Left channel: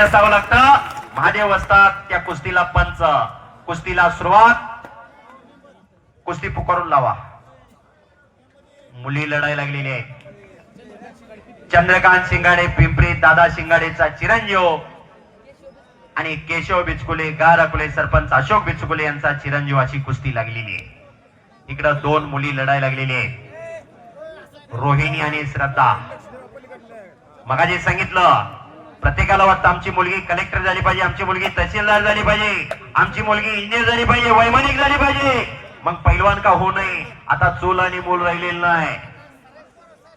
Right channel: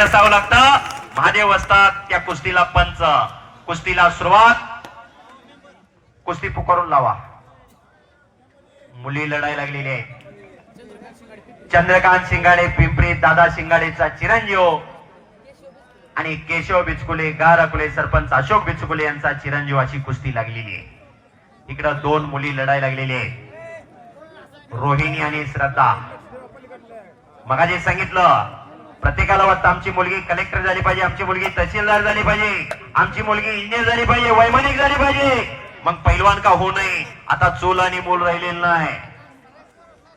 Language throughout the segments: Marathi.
असावं लागतं. महादेव असतात त्या कुस्तीला पंच. कुस्तीला सुरुवात. कुस्ती पुकारून लावा. मुली लढाई लागलेली आहे चंद्रकांत शिंगाडे पिंपरी दादा शिंगाडेचा चिरंजीव. आणि केशव बिचकुले गारकुले सरपंच अशोक बिचकुले यांचा चिरंजीव अशी कुस्ती लागलेली आहे. इकडं दोन मुली लढाई लागलेली आहे रोहिणी आणि श्रद्धा. मगाजी सांगितलं प्रत्येकाला वाटतं आमची मुलगी कलेक्टर झाली पाहिजे आमची मुलगी तहसीलदार झाली पाहिजे आमची मुलगी इंजिनियर झाली पाहिजे वैमानिक झाली पाहिजे. मग पैलवान का होऊ नये? आता चूल आणि मूल राहिलेलं नाही.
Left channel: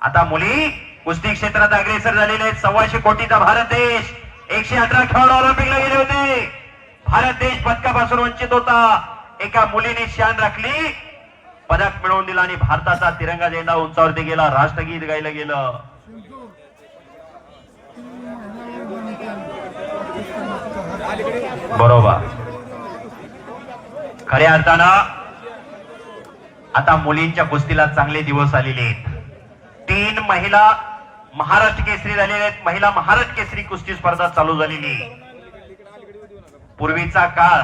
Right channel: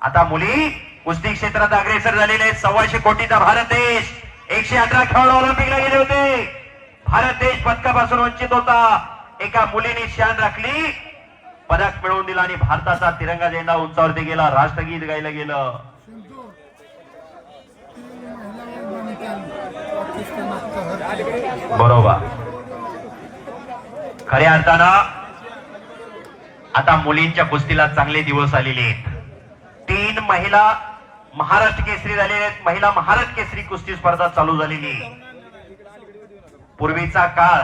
आता मुली कुस्ती क्षेत्रात अग्रेसर झालेले आहेत. सव्वाशे कोटीचा भारत देश. एकशे अठरा खेळाडू ऑलिम्पिकला गेले होते. भारत देश पदकापासून वंचित होता. एका मुलीने शान राखली. पदक मिळवून दिला आणि भारताचा तिरंगा झेंडा उंचावरती गेला. राष्ट्रगीत गायला गेलं. बरोबर. खऱ्या अर्थानं आता मुलींच्या कुस्तीला चांगले दिवस आलेले आहेत. तीन महिला महाराष्ट्र केसरी झालेल्या आहेत. महिला महाराष्ट्र केसरी कुस्ती स्पर्धा चालू झालेली आहे. पूर्वीचा काळ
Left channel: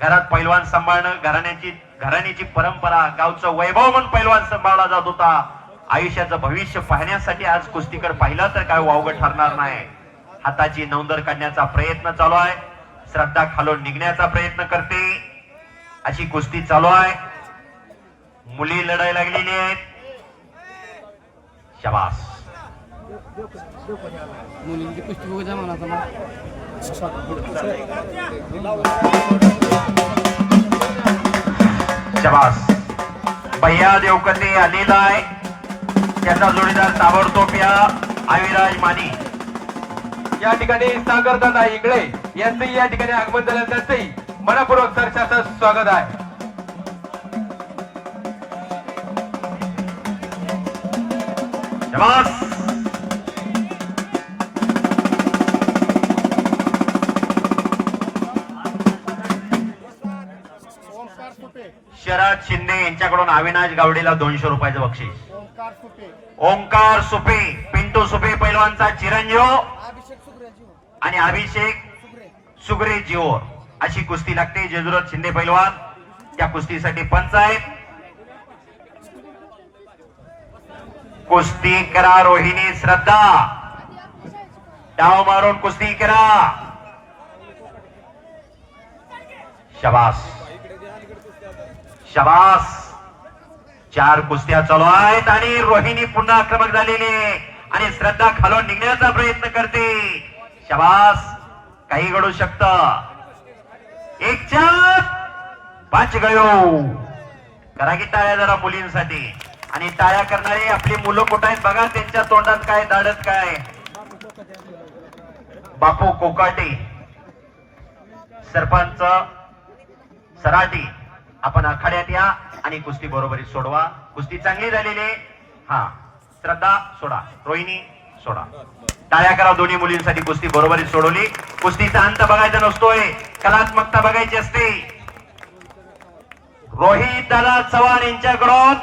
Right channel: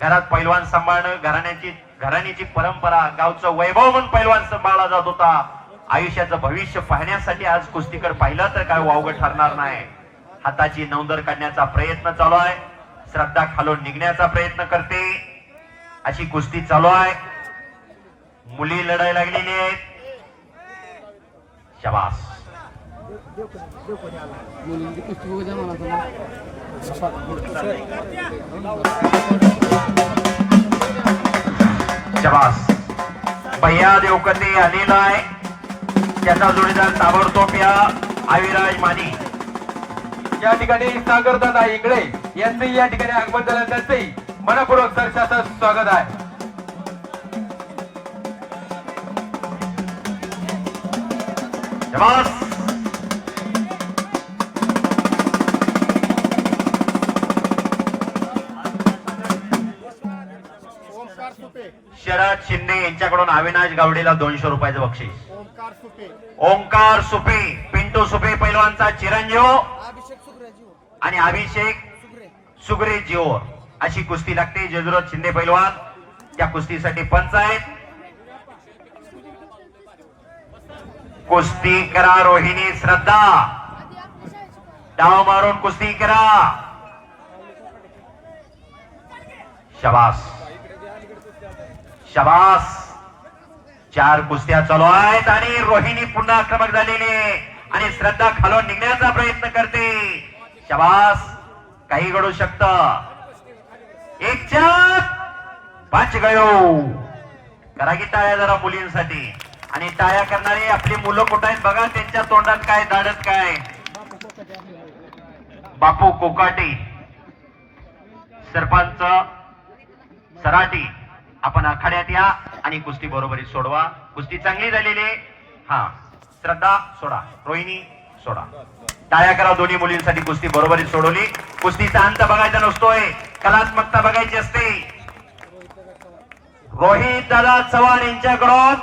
घरात पैलवान सांभाळणं घराण्याची घराण्याची परंपरा गावचं वैभव म्हणून पैलवान सांभाळला जात होता. आयुष्याचं भविष्य पाहण्यासाठी आज कुस्तीकडे पाहिलं तर काय वावगं ठरणार नाही. हाताची नौंदर काढण्याचा प्रयत्न चालू आहे. श्रद्धा खालून निघण्याचा प्रयत्न करते. अशी कुस्ती चालू आहे. मुली लढाई लागलेली आहेत. शबास. शबास. भैया देवकते आलेला आहे. त्याचा जोडीदार ताबडतोब या. आविराज मानी. या ठिकाणी सागर दादा इकडे यांचंही या ठिकाणी आगमन झालं. त्यांचंही मनपूर्वक सरशाचं स्वागत आहे. शबास ओंकार सुपे शरद शिंदे यांच्याकडून अविनाश गावडेला दोनशे रुपयाचं बक्षीस. ओंकार सुपे. ओंकार सुपे पिंटू सुपे पैलवानचा चिरंजीव. आणि अभिषेक सुप्रे सुगरे जिओ अशी कुस्ती लागते. जेजुरत शिंदे पैलवान. त्या कुस्तीसाठी पंच आहेत. कुस्ती करा रोहिणी श्रद्धा. डाव मारून कुस्ती करा. शबास. शबास. चार कुस्त्या चालू आहेत आणि रोहिणी पुन्हा आक्रमक झालेली आहे. आणि श्रद्धा खालून निघण्याचा प्रयत्न करते. शबास. काही घडू शकत. एक चार पाच गयो. करा की टाळ्या जरा मुलींसाठी. आणि टाळ्या करणारे आपली मुलं कुठं आहेत बघा त्यांच्या तोंडात काय दाडत काय? बापू कोकाटे. सरपंच सराटी. आपण आखाड्यात या आणि कुस्ती बरोबरी सोडवा. कुस्ती चांगली झालेली हा श्रद्धा सोडा. रोहिणी सोडा. टाळ्या करा दोन्ही मुलींसाठी कुस्ती बरोबरी सोडवली. कुस्तीचा अंत बघायचा नसतोय. कलात्मकता बघायची असते. रोहित दादा चव्हाण यांच्याकडून